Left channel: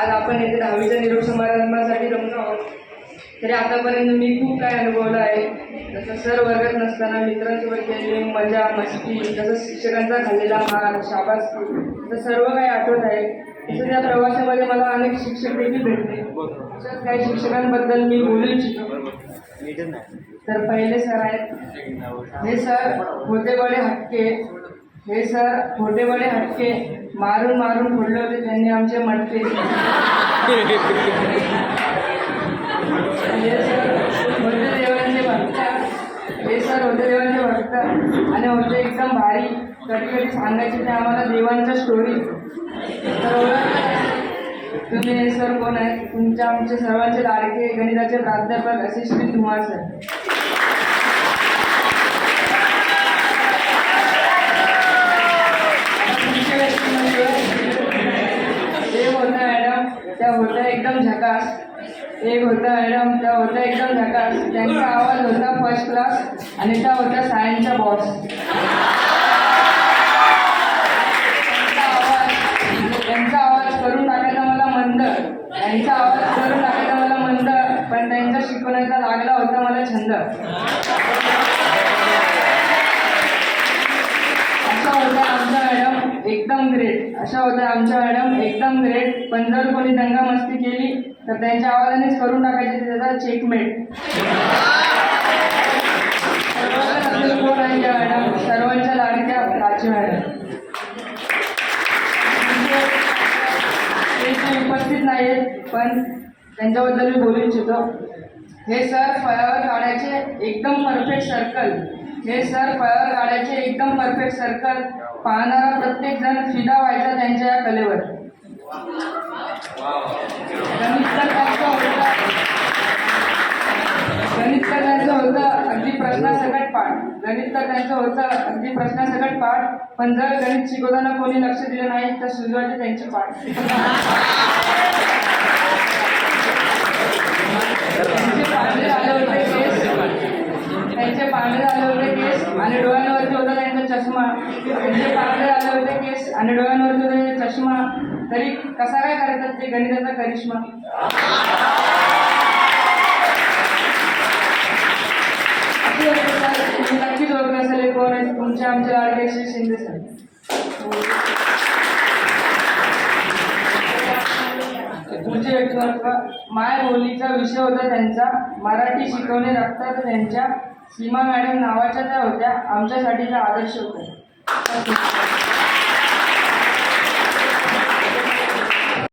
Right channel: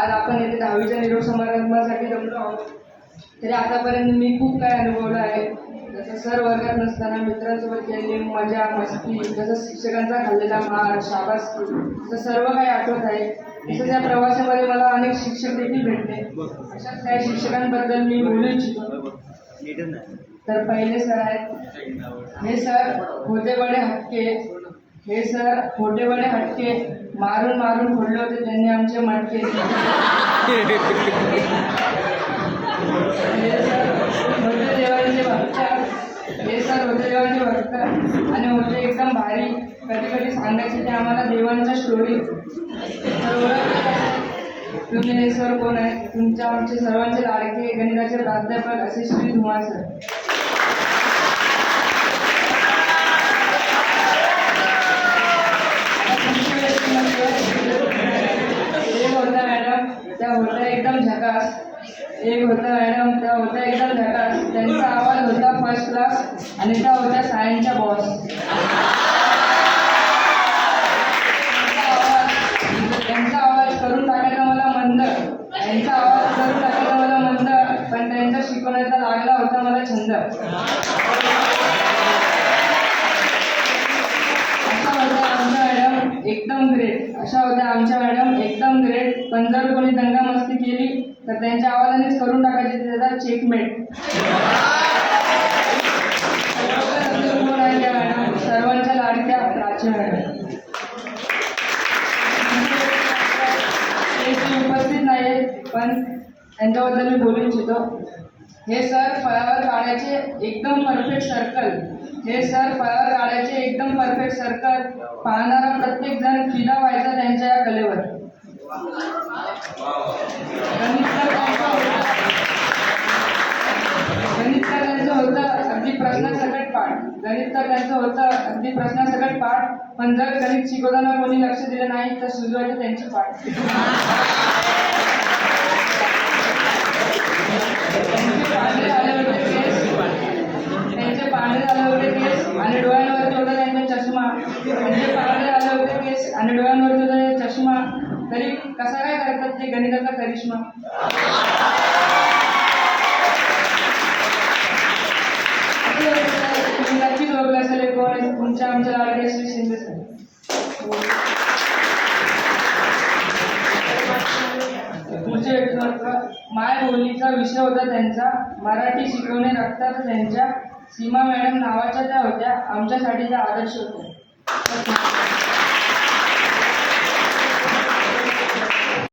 आज आपण येथे 10वीच्या निरोप समारंभासाठी जमलो आहोत. तरी आतापर्यंत मी खूप काही अनुभवलं आहे. जसं सर वर्गात नसताना मित्रांसोबत केलेली मजा मस्ती, जसं शिक्षकांचा खाल्लेला मार शाबासकी, तसं सर्व काही आठवत आहे. तसंच या प्रवासामध्ये मला अनेक शिक्षक देखील भेटले. अशाच काही शिक्षकांबद्दल मी बोलू इच्छितो. तर पहिले सर आहेत, हे सर होते बडे हटके. हे सर होते बडे हटके, मारून मारून फोडले होते त्यांनी आमचे मटके. हे सर होते देवांचे भक्त. हे सर होते देवांचे भक्त आणि होते एकदम भारी. कधी कधी सांगायचे ते आम्हाला देवांच्या स्टोरी. तर ओळखलं तुम्ही हे सर कोण आहेत? तुमच्या आमचे सर्वांचे लाडके गणिताचे प्राध्यापक असे श्री धुमाळ सर. एक होता मॅडम, त्या होत्या एकदम झकास. एक होता मॅडम, त्या होत्या एकदम झकास. त्यांचा आवाज होता फर्स्ट क्लास आणि त्या होत्या सायन्सच्या बॉस. त्यांचा आवाज करून टाकायचा मला मंद. त्यांचा आवाज करून टाकायचा मला मंद, पण त्यांच्या शिकवण्याचा लागला होता मला छंद. अशा होत्या आमच्या मॅडम एकदम ग्रेट. अशा होत्या आमच्या मॅडम एकदम ग्रेट. पण जर कोणी दंगा मस्ती केली तर त्यांच्या आवाजानेच करून टाकायचे त्याचा चेकमेट. कोण आहे त्या मॅडम? सर्वांच्या लाडक्या प्राची मॅडम. ते उपस्थित नाही आहेत पण त्यांच्याबद्दल मी बोलू इच्छितो. हे सर फळावर काढायचे एकदम परफेक्ट सर्कल. हे सर फळावर काढायचे एकदम परफेक्ट सर्कल. पाहणारा प्रत्येक जण फिदा व्हायचा त्यांच्या या कलेवर. गणित तर त्यांचं होतं अगदी प्रश्नासकट पाठ. गणित तर त्यांचं होतं अगदी प्रश्नासकट पाठ. पण जर गणित शिकवताना कोणी लक्ष दिलं नाही तर सुजवायचे त्यांची पाठ. त्यांचे पांढरे झाले होते केस आणि डोळ्यांवरती होता त्यांचा चष्मा. त्यांचे पांढरे झाले होते केस आणि डोळ्यांवरती होता चष्मा. तरी कसा काय करतात ते गणिताचा करिश्मा. तुम्ही नक्कीच ओळखलं असेल कोण आहे. तुमच्या आमच्या लाडके श्री शिंदे सर. पुढचे व्यक्तिमत्व. माय बोलीचा विषय होता त्यांचा. मराठी शिकवणे रक्तात त्यांच्या. सीमा मॅडम नावाच्या त्या होत्या आमच्यासाठी त्या आदर्श होत्या.